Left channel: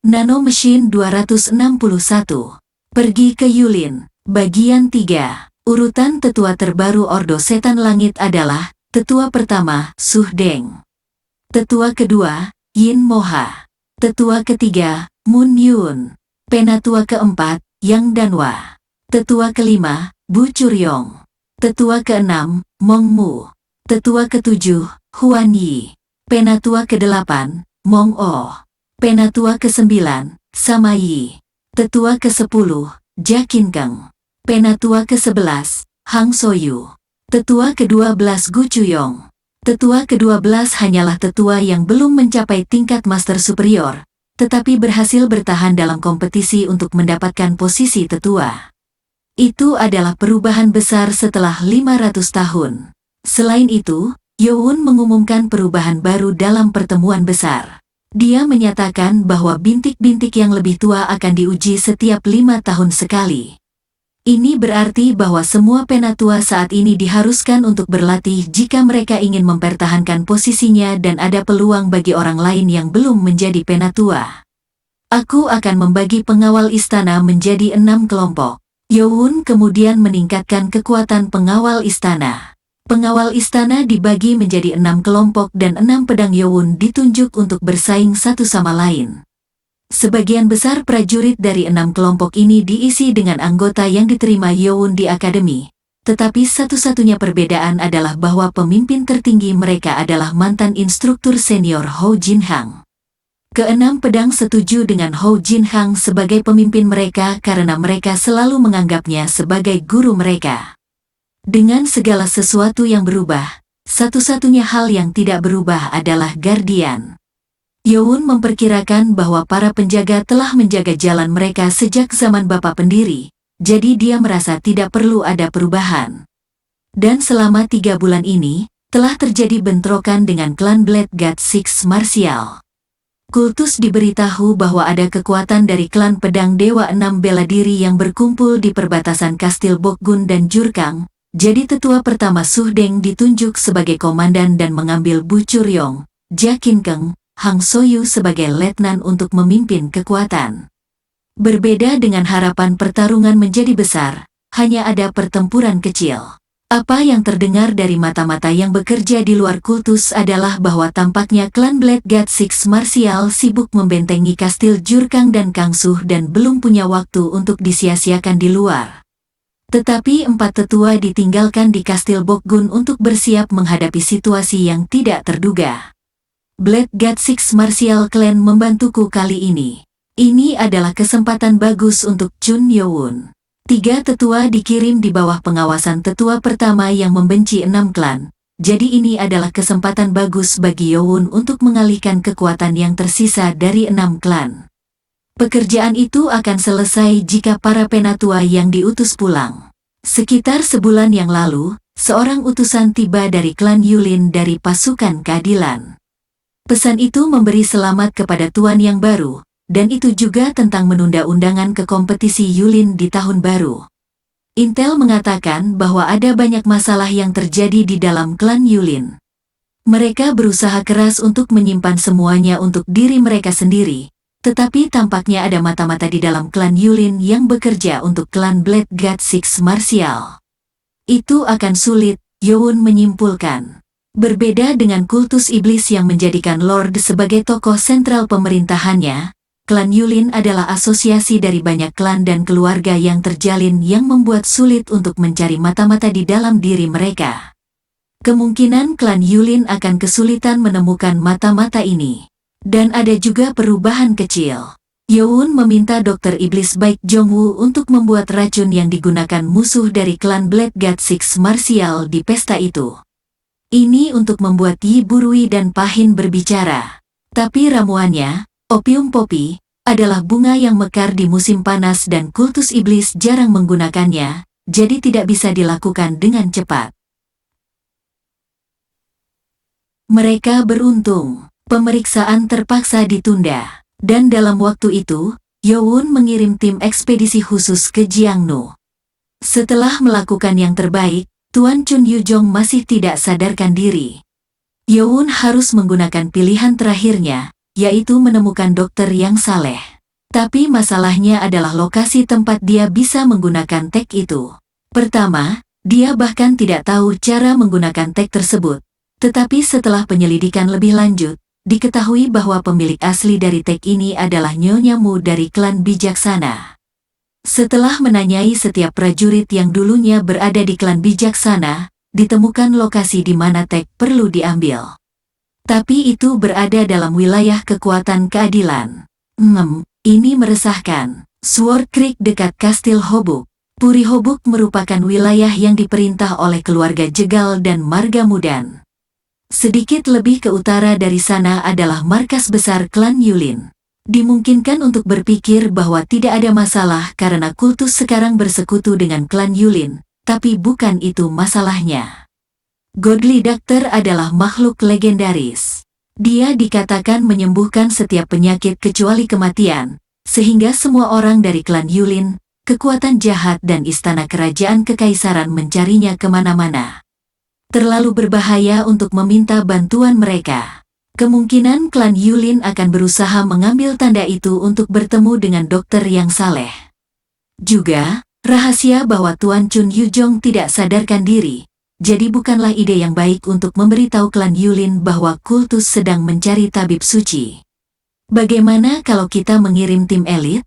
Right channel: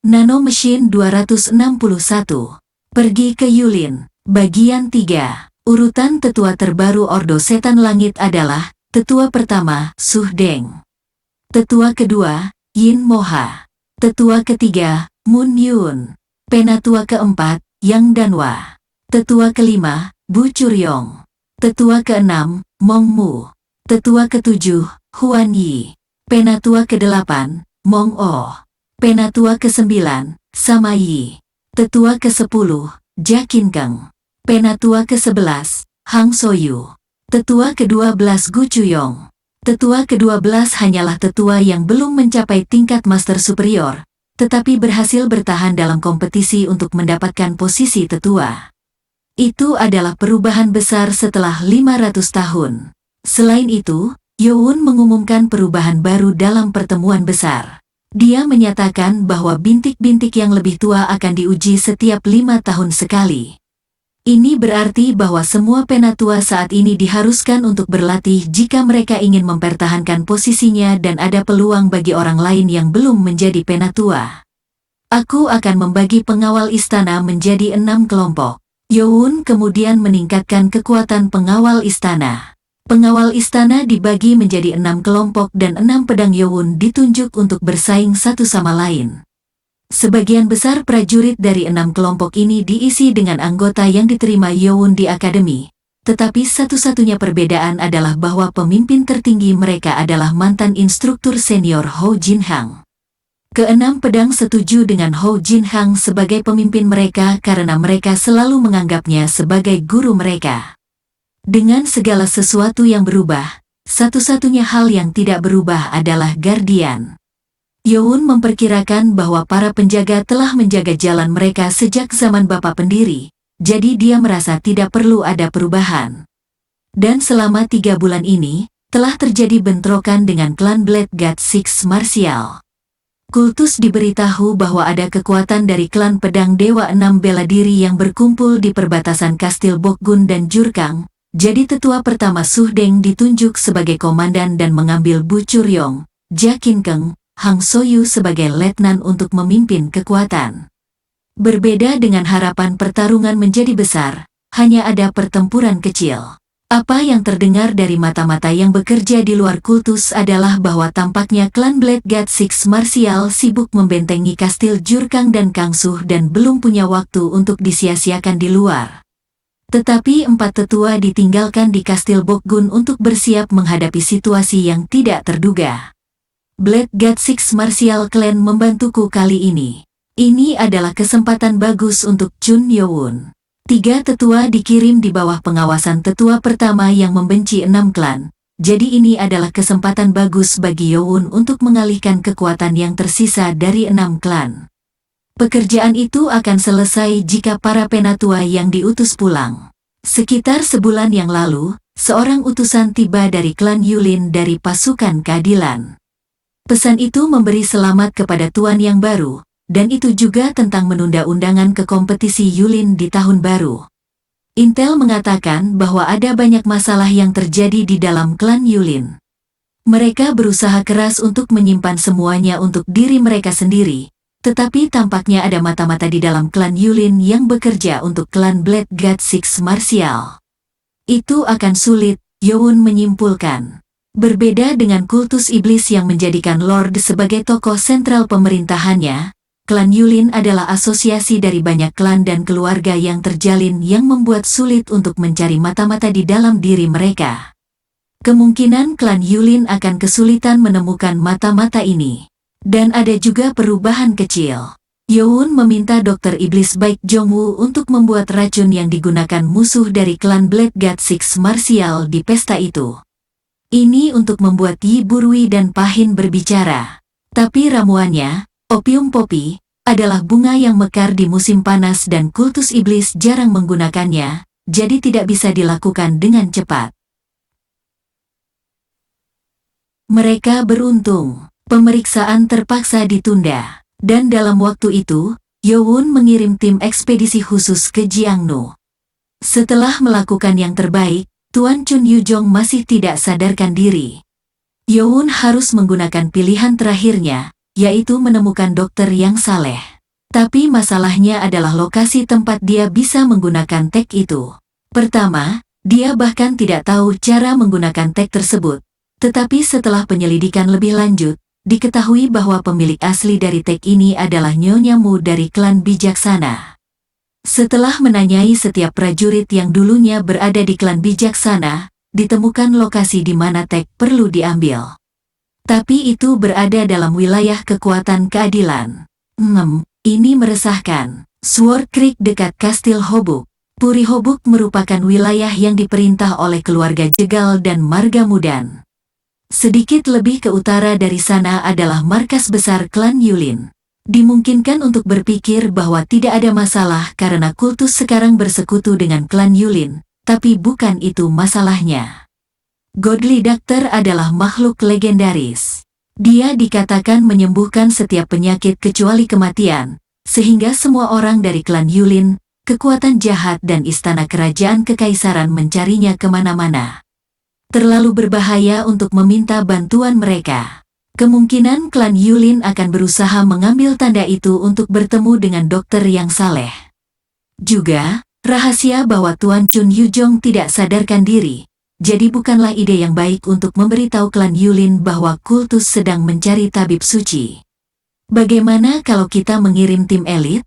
Nano Machine 261. Pergi ke Yulin. Bagian 3. Urutan tetua terbaru Ordo Setan Langit adalah, tetua pertama, Su Deng. Tetua kedua, Yin Moha. Tetua ketiga, Mun Yun. Penatua keempat, Yang Danwa. Tetua kelima, Bu Curyong. Tetua keenam, Mong Mu. Tetua ketujuh, Huan Yi. Penatua kedelapan, Mong O. Penatua ke-9, Sama Yi. Tetua ke-10, Jakin Keng. Penatua ke-11, Hang Soyu. Tetua ke-12 Gu Chuyong. Tetua ke-12 hanyalah tetua yang belum mencapai tingkat master superior, tetapi berhasil bertahan dalam kompetisi untuk mendapatkan posisi tetua. Itu adalah perubahan besar setelah 500 tahun. Selain itu, Youn mengumumkan perubahan baru dalam pertemuan besar. Dia menyatakan bahwa bintik-bintik yang lebih tua akan diuji setiap 5 tahun sekali. Ini berarti bahwa semua penatua saat ini diharuskan untuk berlatih jika mereka ingin mempertahankan posisinya dan ada peluang bagi orang lain yang belum menjadi penatua. Aku akan membagi pengawal istana menjadi 6 kelompok. Youn kemudian meningkatkan kekuatan pengawal istana. Pengawal istana dibagi menjadi 6 kelompok dan 6 pedang Youn ditunjuk untuk bersaing satu sama lain. Sebagian besar prajurit dari 6 kelompok ini diisi dengan anggota yang diterima Youn di akademi, tetapi satu-satunya perbedaan adalah bahwa pemimpin tertinggi mereka adalah mantan instruktur senior Hou Jinhang. Keenam pedang setuju dengan Hou Jinhang sebagai pemimpin mereka karena mereka selalu menganggapnya sebagai guru mereka. Dengan segala sesuatu yang berubah, satu-satunya hal yang tidak berubah adalah Guardian. Youn memperkirakan bahwa para penjaga telah menjaga jalan mereka sejak zaman Bapak Pendiri, jadi dia merasa tidak perlu ada perubahan. Dan selama 3 bulan ini, telah terjadi bentrokan dengan klan Blade God Six Martial. Kultus diberitahu bahwa ada kekuatan dari klan pedang Dewa 6 bela diri yang berkumpul di perbatasan Kastil Bokgun dan Jurkang. Jadi tetua pertama Su Deng ditunjuk sebagai komandan dan mengambil Bu Curyong, Jakin Keng, Hang Soyu sebagai letnan untuk memimpin kekuatan. Berbeda dengan harapan pertarungan menjadi besar, hanya ada pertempuran kecil. Apa yang terdengar dari mata-mata yang bekerja di luar kultus adalah bahwa tampaknya klan Blade God Six Martial sibuk membentengi Kastil Jurkang dan Kangsuh dan belum punya waktu untuk disia-siakan di luar. Tetapi 4 tetua ditinggalkan di Kastil Bokgun untuk bersiap menghadapi situasi yang tidak terduga. Blade God Six Martial Clan membantuku kali ini. Ini adalah kesempatan bagus untuk Chun Youn. 3 tetua dikirim di bawah pengawasan tetua pertama yang membenci 6 klan. Jadi ini adalah kesempatan bagus bagi Youn untuk mengalihkan kekuatan yang tersisa dari 6 klan. Pekerjaan itu akan selesai jika para penatua yang diutus pulang. Sekitar sebulan yang lalu, seorang utusan tiba dari klan Yulin dari pasukan keadilan. Pesan itu memberi selamat kepada tuan yang baru, dan itu juga tentang menunda undangan ke kompetisi Yulin di tahun baru. Intel mengatakan bahwa ada banyak masalah yang terjadi di dalam klan Yulin. Mereka berusaha keras untuk menyimpan semuanya untuk diri mereka sendiri. Tetapi tampaknya ada mata-mata di dalam klan Yulin yang bekerja untuk klan Blade God Six Martial. Itu akan sulit, Youn menyimpulkan. Berbeda dengan kultus iblis yang menjadikan Lord sebagai tokoh sentral pemerintahannya, klan Yulin adalah asosiasi dari banyak klan dan keluarga yang terjalin yang membuat sulit untuk mencari mata-mata di dalam diri mereka. Kemungkinan klan Yulin akan kesulitan menemukan mata-mata ini. Dan ada juga perubahan kecil. Youn meminta dokter iblis Baik Jongwoo untuk membuat racun yang digunakan musuh dari klan Blade God Six Martial di pesta itu. Ini untuk membuat Yi Burui dan Pahin berbicara. Tapi ramuannya, opium poppy, adalah bunga yang mekar di musim panas dan kultus iblis jarang menggunakannya, jadi tidak bisa dilakukan dengan cepat. Mereka beruntung. Pemeriksaan terpaksa ditunda, dan dalam waktu itu, Youn mengirim tim ekspedisi khusus ke Jiangnu. Setelah melakukan yang terbaik, Tuan Chun Yujong masih tidak sadarkan diri. Youn harus menggunakan pilihan terakhirnya, yaitu menemukan dokter yang saleh. Tapi masalahnya adalah lokasi tempat dia bisa menggunakan tag itu. Pertama, dia bahkan tidak tahu cara menggunakan tag tersebut. Tetapi setelah penyelidikan lebih lanjut, diketahui bahwa pemilik asli dari tag ini adalah Nyonya Mu dari klan Bijaksana. Setelah menanyai setiap prajurit yang dulunya berada di klan Bijaksana, ditemukan lokasi di mana tag perlu diambil. Tapi itu berada dalam wilayah kekuatan keadilan. Ini meresahkan. Sword Creek dekat Kastil Hobuk. Puri Hobuk merupakan wilayah yang diperintah oleh keluarga Jegal dan Marga Mudan. Sedikit lebih ke utara dari sana adalah markas besar klan Yulin. Dimungkinkan untuk berpikir bahwa tidak ada masalah karena kultus sekarang bersekutu dengan klan Yulin, tapi bukan itu masalahnya. Godly Doctor adalah makhluk legendaris. Dia dikatakan menyembuhkan setiap penyakit kecuali kematian, sehingga semua orang dari klan Yulin, kekuatan jahat dan istana kerajaan kekaisaran mencarinya kemana-mana. Terlalu berbahaya untuk meminta bantuan mereka. Kemungkinan klan Yulin akan berusaha mengambil tanda itu untuk bertemu dengan dokter yang saleh. Juga, rahasia bahwa Tuan Chun Yujong tidak sadarkan diri, jadi bukanlah ide yang baik untuk memberitahu klan Yulin bahwa kultus sedang mencari tabib suci. Bagaimana kalau kita mengirim tim elit?